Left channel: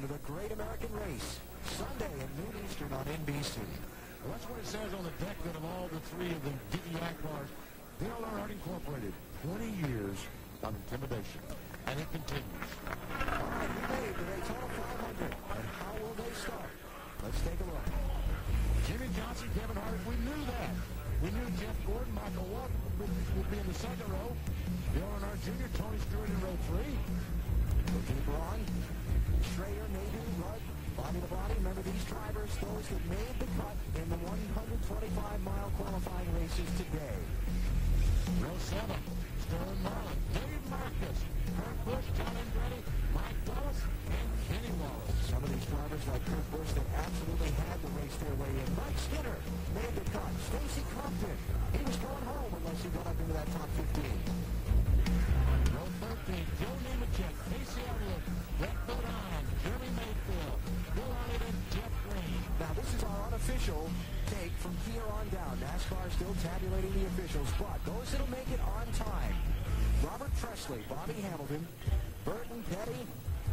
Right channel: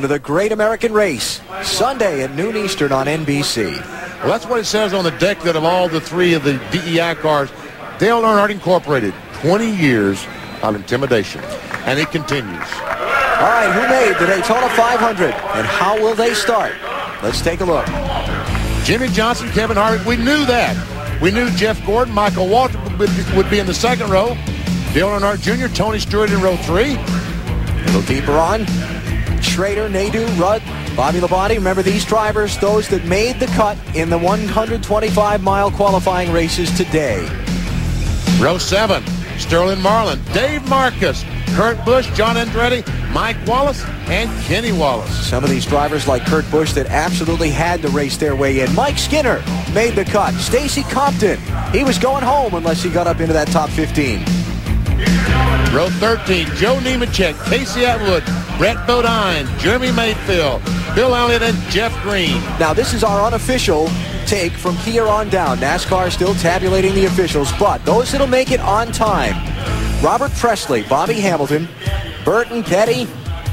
to the Great American Race, Sunday at noon Eastern on NBC. Well, that's what it says on the deck, that of all the three of the DEI cars, Dale Earnhardt Incorporated, 20 years of intimidation. And it continues. All right, who made the Daytona 500, and how will they start? Let's take a look. Jimmy Johnson, Kevin Harvick, we knew that. We knew Jeff Gordon, Michael Waltrip would be in the second row. Dale Earnhardt Jr., Tony Stewart in row 3. A little deeper on, Schrader, Nadeau, Rudd, Bobby Labonte. Remember these drivers, those that made the cut in the 125-mile qualifying races today. Row 7, Sterling Marlin, Dave Marcus, Kurt Busch, John Andretti, Mike Wallace, and Kenny Wallace. Some of these drivers like Kurt Busch that absolutely had to race their way in. Mike Skinner made the cut. Stacy Compton, he was going home unless he got up into that top 15. Row 13, Joe Nemechek, Casey Atwood, Brett Bodine, Jeremy Mayfield, Bill Elliott, and Jeff Green. Now this is our unofficial take from here on down. NASCAR still tabulating the officials, but those that'll make it on time: Robert Presley, Bobby Hamilton, Burton Petty,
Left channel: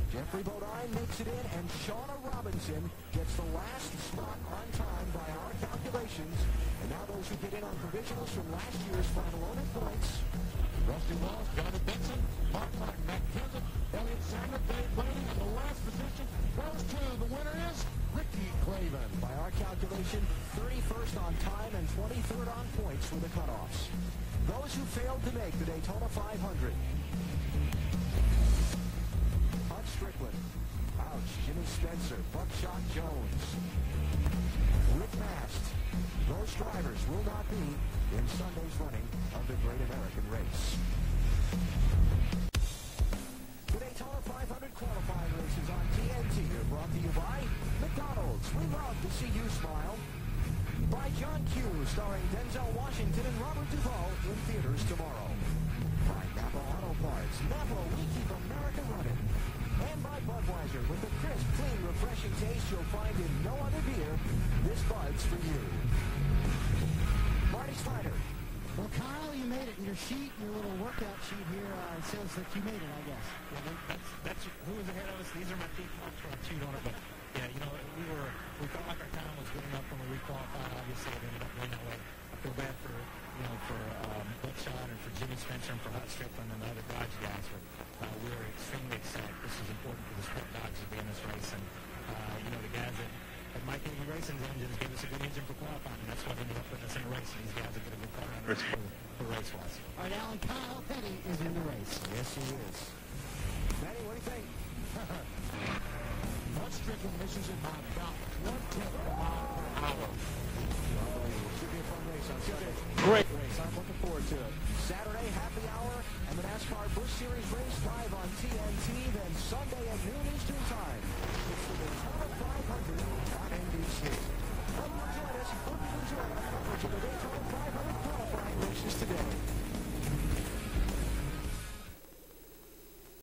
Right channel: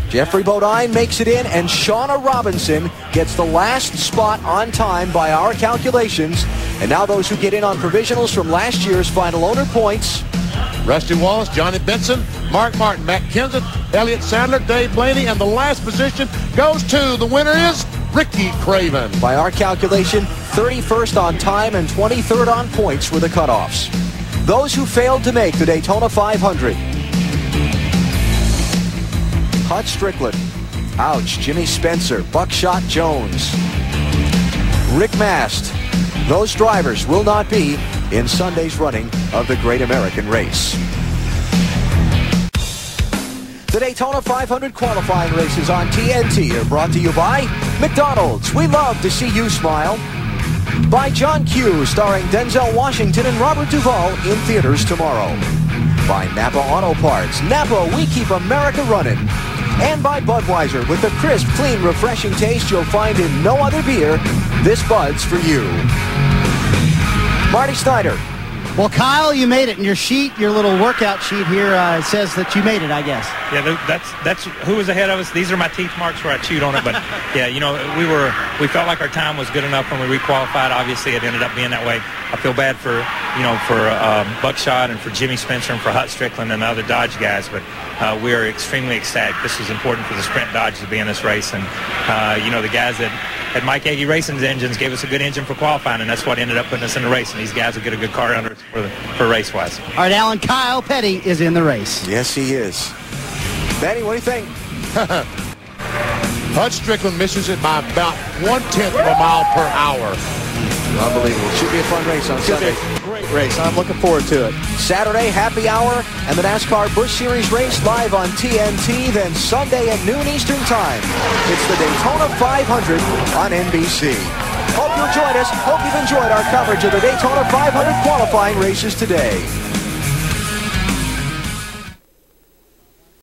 Jeffrey Bodine makes it in, and Shauna Robinson gets the last spot on time by our calculations. And now those who get in on provisionals from last year's final owner points: Rusty Wallace, Johnny Benson, Mark Martin, Matt Kenseth, Elliott Sadler, Dave Blaney, and the last position goes to, the winner is Ricky Craven. By our calculation, 31st on time and 23rd on points were the cutoffs. Those who failed to make the Daytona 500. Hut Strickland, ouch. Jimmy Spencer, Buckshot Jones, Rick Mast. Those drivers will not be in Sunday's running of the Great American Race. The Daytona 500 qualifying races on TNT are brought to you by McDonald's. We love to see you smile. By John Q, starring Denzel Washington and Robert Duvall, in theaters tomorrow. By Napa Auto Parts. Napa, we keep America running. And by Budweiser, with the crisp, clean, refreshing taste you'll find in no other beer. This Bud's for you. Marty Snyder. Well, Kyle, you made it in your sheet, your little workout sheet here. It says that you made it, I guess. Yeah, that's who was ahead of us. These are my teeth marks where I chewed on it. But yeah, you know, we felt like our time was good enough when we requalified. Obviously, it ended up being that way. I feel bad for Buckshot and for Jimmy Spencer and for Hut Strickland and the other Dodge guys, but we are extremely ecstatic. This was important for the Sprint Dodge to be in this race, and you know, the guys that had Mike Agee Racing's engines gave us a good engine for qualifying, and that's what ended up putting us in the race. And these guys will get a good car under us for race-wise. All right, Alan, Kyle Petty is in the race. Yes, he is. Benny, what do you think? Hut Strickland misses it by about 1/10 of a mile per hour. Unbelievable. Should be a fun race on Sunday. Great race. I'm looking forward to it. Saturday, happy hour, and the NASCAR Busch Series race live on TNT. Then Sunday at noon Eastern Time, it's the Daytona 500 on NBC. Hope you'll join us. Hope you've enjoyed our coverage of the Daytona 500 qualifying races today.